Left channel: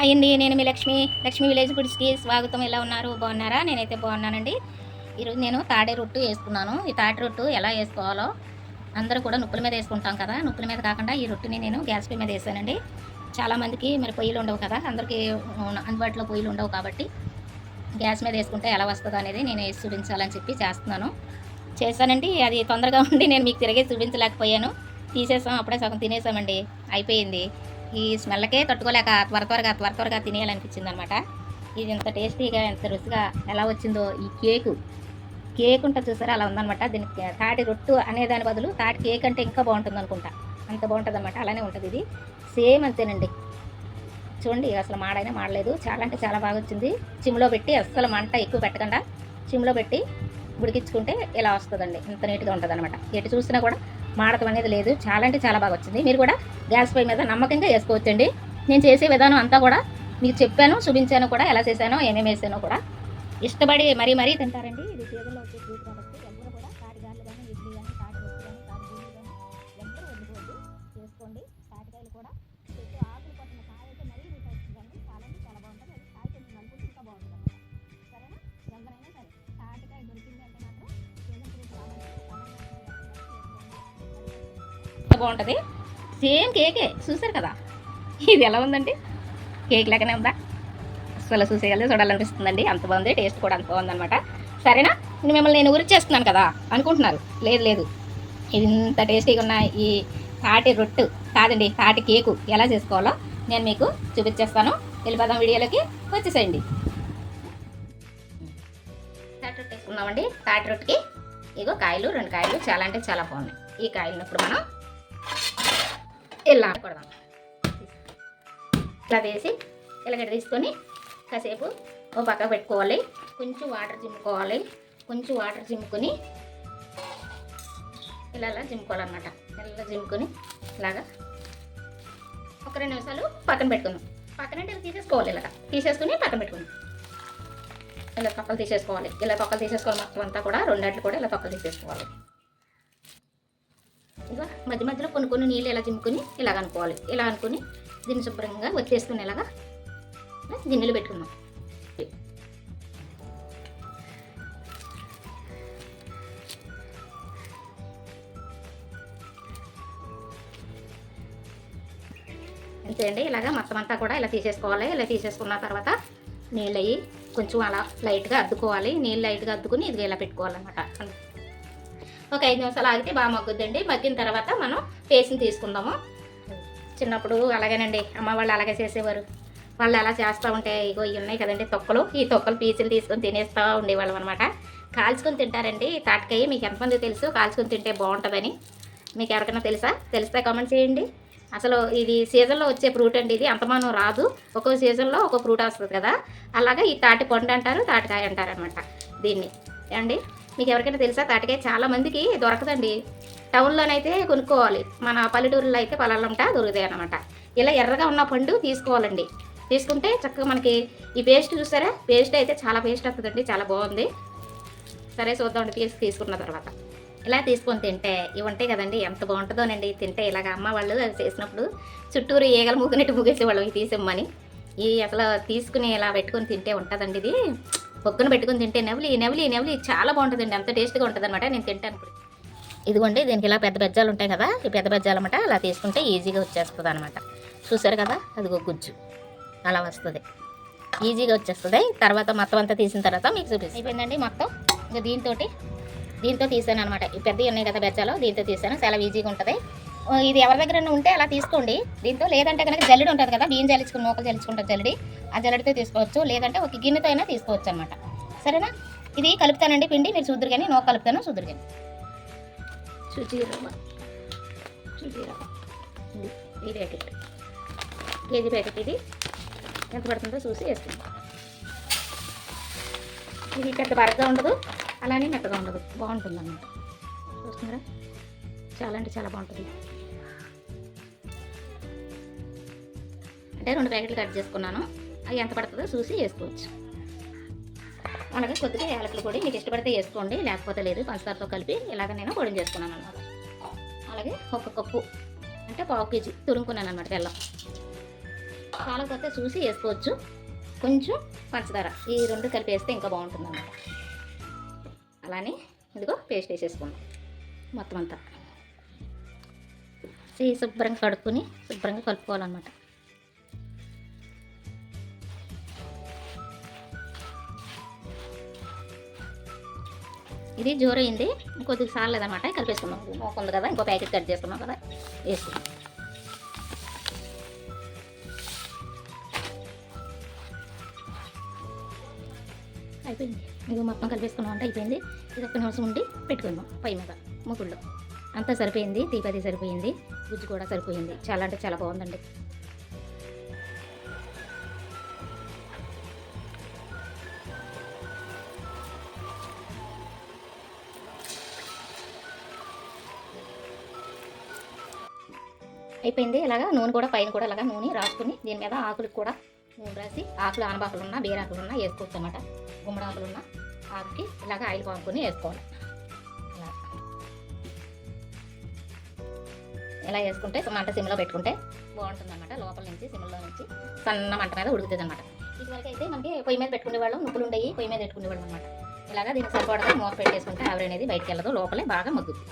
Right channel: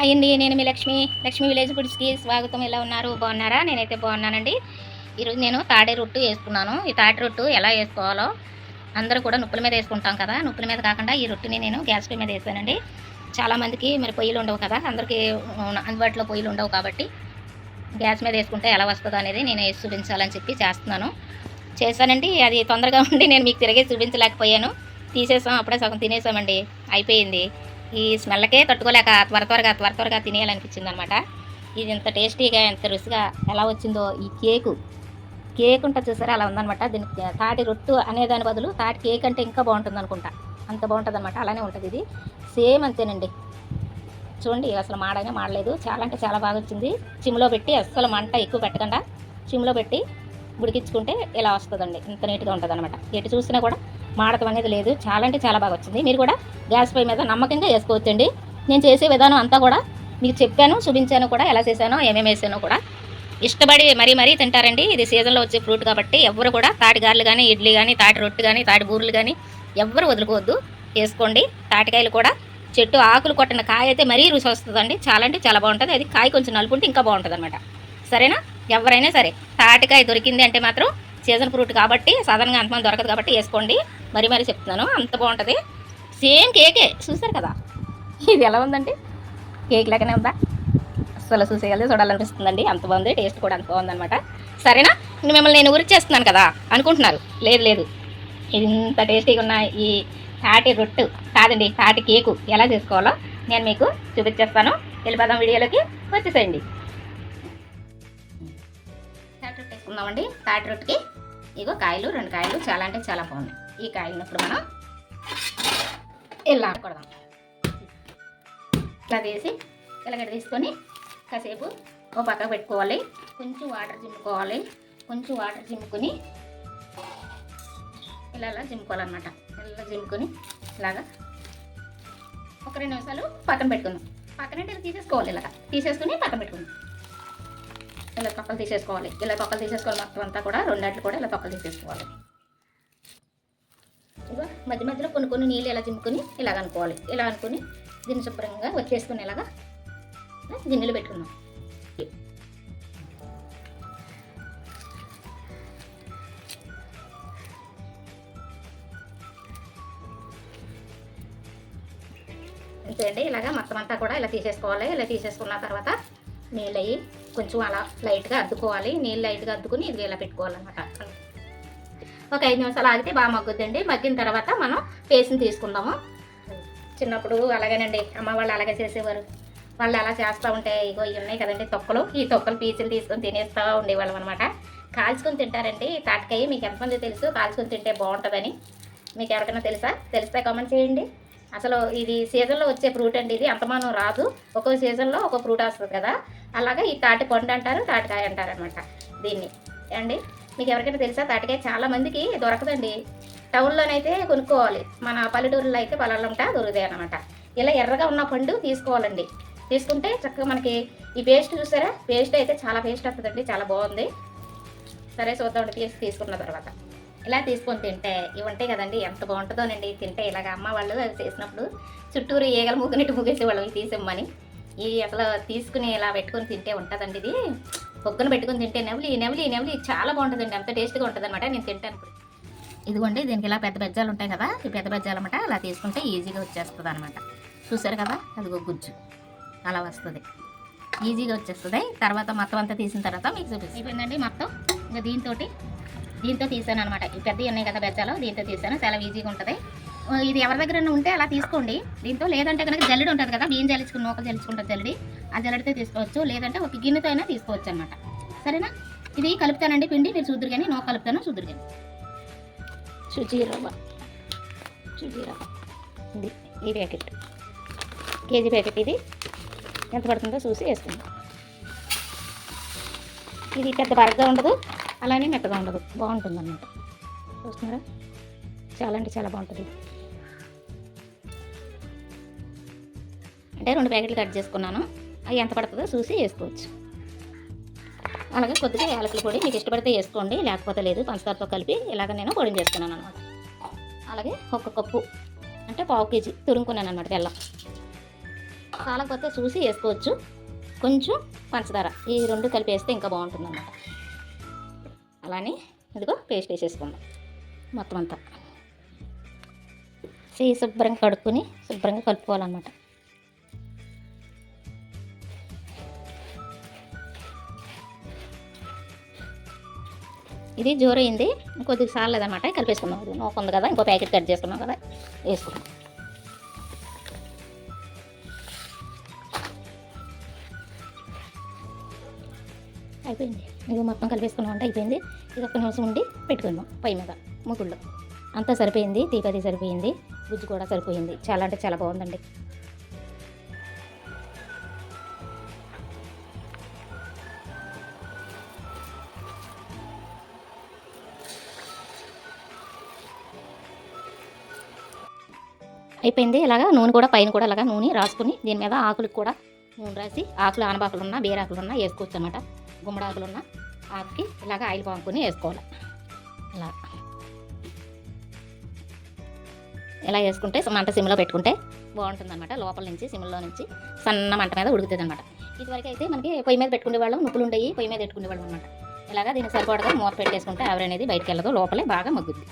Hi అండి, నేను మీ Lakshmi village ఫుడ్స్కి స్వాగతం. ఎలా ఉన్నారు? బాగున్నారా? నేనైతే బాగున్నానండి. ఈరోజు నేను తాడే రొట్టు వేసుకున్నాను. ఈ తాటి రొట్టు ఎలా వేసుకోవాలో అందరూ కూడా నుప్పుల మీద వేసుకుంటాం కదా, నుప్పుల మీద కాకుండా ఈ రొట్టుని నేను గ్యాస్ పొయ్యి మీద వేసానండి. చాలామందికి మరి పొయ్యిలు ఉండవు కదా, అందరికీ అందుబాటులో పొయ్యిలు ఉండవు కాబట్టి గ్యాస్ మీద వేసుకుంటే ఎలా వస్తుందో అనేది నేను వేసి చూపించాలని చెప్పి చేశానండి. అది తొందరగా ఉండి నేను మీకు తిరిగి చూపించలేకపోయాను. తీసేసాం, అప్పుడే సగం తినేసామండి, అయిపోయింది. ఈ స్మెల్కే తట్టుకోలేక త్వరగా తినేయాలనిపించింది అనమాట. ఇది ఎంత టేస్టీగా ఎంత రుచిగా ఎలా వచ్చిందో. ఈ కేక్ ఉంటుంది చూసారా, అలా ఉందనమాట. దీనికి తాటి రొట్టు అనేదాని బదులు తాటి కేక్ అంటే ఇంకా బాగుంటుంది అనుకుంటా, అంత బాగుంటుంది అనమాట. అలానే ఉంటుంది ఇది, సేమ్ అంతేనండి. చూడండి, అసలు మాడైనా మాడలేదు, చాలా అంటే చాలా బాగా వచ్చింది. చిమ్లో పెట్టి అస్సలు మంట ఎక్కువ పెట్టకుండా చిమ్లో పెట్టి ఉడికించుకుంటే ఇలా వస్తుందండి. ఇంత నీట్గా ఉంటుంది అనమాట. ఎటు చూసినా కూడా మాడటం అనేది లేదు. చాలా అంటే చాలా బాగా వచ్చింది. మీరు కూడా గ్యాస్ పొయ్యి మీద నమ్మకంగా వేసుకోవచ్చండి. నేను చేసే విధానం అంతా కూడా మీకు చెప్పాను, చూపించాను కూడా, ఎలా చేశానో ఏమేమి వేసానో కూడా. ఇష్టపడి మరీ తింటారండి. ఇది సీజన్లో వచ్చే ఫ్రూట్ కాబట్టి ఎవ్వరు కూడా తాటి గారెలు కానీ, ఇడ్లీ కానీ, తాటి రొట్టు కానీ, తాటి బూరెలు కానీ ఎవ్వరు వదులుకోవద్దు, వేసుకోండి. తాటికాయలు కూడా చెట్టు ఆకులు కొట్టిన కాయ అయితే మరీ రుచి వస్తుందండి. చాలా అంటే చాలా బాగుంటుంది. అది కాయ కొంచెం నలుపుంటే ఇంకా బాగుంటుంది అనమాట. సరేనా? ఎవరైనా సరే తాటికాయ దొరికింది అంటే మాత్రం సీజన్ ఫ్రూట్ కాబట్టి, సాధారణంగా అంతమంది దొరకదు కాబట్టి వేసుకోండి. మరీ చెప్తున్నాను, అంత బాగుంటుంది. సేమ్ కేకే, చూసారు కదా ఇది ఎలా ఉందండి, కేక్ లాగానే ఉందా? అసలు చూడాలనిపిస్తుందండి, అంత బాగుంది. టేస్ట్ కూడా అంత బాగుందనమాట. సరేనా? మిమ్మల్ని నేను ఊరికి చేస్తున్నాను కదా అనుకుంటున్నారు. లేదు, ఇది ఇంత టేస్టీగా ఉన్న ఈ తాటి రొట్టు కాదండి, తాటి కేకు ఎలా చేసుకోవాలో నేను మీకు చూపించేస్తాను. వెళ్ళిపోదాం, వీడియోలోకి వచ్చేసేయండి. తాటి రొట్టె వేసుకుందామండి. తాటి రొట్టెకి ఇగో కాయలు, 2 కాయలు చాలా అంటే చాలా బాగున్నాయి. ఈ కాయలున్నప్పుడు మనం ఇలా కొడదాం. ఇలా వేసి ఇలాగ తీసుకొని కాసేపు ఓ పక్కకు పెట్టుకోవాలి. కొంచెం వాటర్ జిమ్ముకొని ఇలా జిమ్ముకోవాలన్నమాట. ఇలా జిమ్ముకొని ఇలాగా ఒక 2 నిమిషాలు పక్కన పెట్టుకుందాం. పక్కనంటే ఇలా తీసేసుకోవాలి. ఇలాగ తీసేసుకుని పక్కన పెట్టుకుందాం. ఇలా తొక్కలు తీసేసుకోవాలి. మొత్తం అంతా కూడా 2 అట్లు కూడా ఇలా తొక్కలు తీసేసుకోవాలి. ఇక మధ్యలో కొన్ని నీళ్ళు ఇలా జిమ్ముకొని ఇలాగ అనుకోవాలి. ఇలా అనుకుని దీన్ని శుభ్రంగా వచ్చేసుకుని ఇలాగా గిన్నెలు పెట్టుకుందాం. అంతే అండి, ఇలాగా మొత్తం అంతా కూడా ఇలా తీసేసుకోవాలి. ఇలా తీసేసుకున్న తర్వాత నీళ్ళు అయ్యి కొంచెం అలా లైట్గా అద్దుకోవాలి. నీళ్ళు లైట్గా అద్దుకుని ఇది ఇలా పెట్టుకోవాలన్నమాట. ఒక 5 నిమిషాలు ఆగితే బాగా మగ్గుద్దండి. మగ్గిన తర్వాత మనం పేస్ట్ని తీసుకుందాము. చిన్నప్పుడు అలాగేనండి, అమ్మ వాళ్ళు అలాగే చేసేవారు. వాళ్ళు అలా చేస్తూ ఉంటే ఇగో ఇవి ఉన్నాయి కదండి తొక్కలు, ఈ తొక్కలు పీసులు తీసుకొని తినేస్తూ ఉండేవాళ్ళం అనమాట. కాల్చుకొని తింటారండి తాటికాయ. మీకు ఎంతమంది తెలుసు కాల్చుకొని తింటే బాగుంటుందని? మీకు ఎవరికైనా తెలిస్తే కామెంట్ చేయండి. అసలు ఇది సీజన్లో వచ్చే ఫ్రూట్ అండి. ఇది అంతమానం రాదు, ఒక్కో సీజన్లో ఒక్కో ఫ్రూట్ వస్తుంది కదా. అలాగే ఈ తాటి పండు అంటారు, తాటికాయ అంటారు అనమాట దీన్ని. అండి మీకు ఎవరికైనా తెలుసా? తాటికాయ చాలా మందికి దొరకదండి. టౌన్లోనైతే కొనుక్కోవాలి, మన పల్లెటూరులో అయితే పొలాల్లో ఉంటా దొరుకుతాయి అనమాట. ఇలా ఎర్రగా ఉన్న పండు తీసుకోవాలండి. తీసుకుంటే చక్కగా మనకి ఈ పేస్ట్ చూసారా, పేస్ట్ అయితే చాలా పేస్ట్ వస్తుందండి, చాలా బాగుంది. సరే చూద్దామండి. తీసుకున్న తర్వాత ఇలా తీసుకొని తింటే ఇవి ఉంటాయి కదండి, ఎంత బాగుంటుందోనండి తింటే. ఇలాగ అమ్మ వాళ్ళు చేసినప్పుడు చుట్టూరు ఈగలు మూగినట్టు మూగేసేవాళ్ళం ఈ తీసిమ్మని. ఈ అసలు తీసుకుని ఇలా పెట్టుకొని తింటే ఉంటుందండి. ఇది పొక్కున పెట్టుకుని తింటే నెవలి చాలా బాగుంటుందండి, అంత టేస్ట్గా ఉంటుంది అనమాట. నేను తింటాను. ఇదిగోండి, దీనికి ఇలా పెద్ద బెజ్జాలు ఉంటాయి కదా, ఈ పెద్ద బెజ్జాలు అన్నమాట. అలా తీసుకుంటే ఈజీగా వచ్చేస్తుంది అనమాట. చూసారు కదా, అదిగో గుజ్జు అలా వస్తుంది, ఈజీగా వచ్చేస్తుంది. తర్వాత మొత్తం అంతా తీసిన తర్వాత మీకు చూపిస్తుందండి. మొత్తం ఇంకా దీంతో తీసాను అనమాట. ఈ పెద్దవి ఉన్నాయి కదా బెజ్జాలు, దీంతో తీసాను. చాలా ఈజీగా ఉంటుంది. ఇది ఎవరి దగ్గర ఉంటే అలా తీసుకోండి దీంతో. లేదంటే కనుక జల్లెడి ఉంటుంది కదా, బియ్యం జల్లించుకుని నూకలు జల్లించుకుంటారు జల్లెడి, ఆ జల్లెడితో తీసుకోవచ్చు. లేదంటే ఒక గిన్నెతో అయినా తీసుకోవచ్చు అనమాట. సరేనా? ఇది కలుపుతానండి పిండి, మీరు చూద్దరు కానీ నూక కలుపుతాను చూద్దరు కానీ. సుజీ రవ్వ ఇది ఈ ప్యాకెట్, కేజీ ప్యాకెట్. ఇది ఎంత పడుతుందో చూసి వేసుకుందాం. ఇది పెద్ద బరగ్గా ఉండదు, అలానే మెత్తగా ఉండదు, బాగుంటుంది అన్నమాట. చూస్తున్నారా, చాలా అంటే చాలా బాగుంటుంది. అంటే 2 ప్యాకెట్లు కట్ చేసుకున్నాను. అవి ఎంత పడుతుందో చూసి వేసుకోవచ్చు. అలాగే కొద్దిగా యాలకుల పొడి మీకు ఇష్టపడితే వేసుకోండి, లేకపోతే లేదు. పంచదారతో కలిపి ఇలాగ నేను పొడి చేసుకున్నాను అనమాట. అలాగే 1 కప్పు అంటే 1/2 కేజీ తురుముకున్నాను అనమాట బెల్లం. చాలకపోతే చూసి వేసుకోవచ్చు. కొంచెం పంచదార ఈ రెండు కలిపి వేస్తే ఇంకా బాగుంటుంది అన్నమాట. అలానే ఇదిగో పేస్ట్ వేసేసుకుందాం మొత్తం అంతా. చెయ్యి శుభ్రంగా కడుక్కొని శుభ్రంగా కలుపుకోవాలన్నమాట. ఇది జోరైంది, కొద్దిగా సార్లేదన్నమాట. కలిపేసుకున్నాం. ఇది నూక ఉంది కదా, ఇంకో ప్యాకెట్ కట్ చేసుకున్నాం కదా, వేసుకున్నాం. అయిపోయింది. ఇది మొత్తం కలిపేసుకున్నాం అంటే అయిపోయింది. ఇది ఒక్క నిమిషం ఉండి పెట్టుకుందాం పొయ్యి మీద ముగ్గుల్లో. అంతా సరిపోయింది, తీపది సరిపోయింది, గుజ్జు కూడా సరిపోయింది. చాలా అంటే చాలా బాగుందండి. అయిపోయింది. ఇలాగా నూనె కూడా పైన కూడా ఇలాగా నూనె రాసుకుని దీని మీద ఆకులకు కూడా నూనె రాసి, ఆకులు ఆనబాకులు ఉన్నా బీరాకులు ఉన్నా వేసుకోవచ్చు అన్నమాట. గుమ్మడాకులు ఉన్న ఆకుకి ఇలాగ ఆయిల్ పాముకొని వేసుకోవాలి. ఇలా వేసుకుంటే మంట సిమ్లో పెట్టుకుంటే బాగుంటుంది అనమాట. లోపల నుంచి సిమ్లో నుంచి సన్న మంట మీద ఉడుకుతుంది అనమాట. ఇదివరకు అయితే మనకి పొయ్యి మీద పెట్టుకునే వాళ్ళం, నువ్వులు ఉండేవి పొయ్యి మీద పెట్టుకునే వాళ్ళం అనమాట. ఇలాగా దీనికి సరిపడగా మూత పెట్టేసుకుంటే ఆవిరి అనేది బయటకు వెళ్ళదు, లోపలే బాగా మగ్గుద్ది.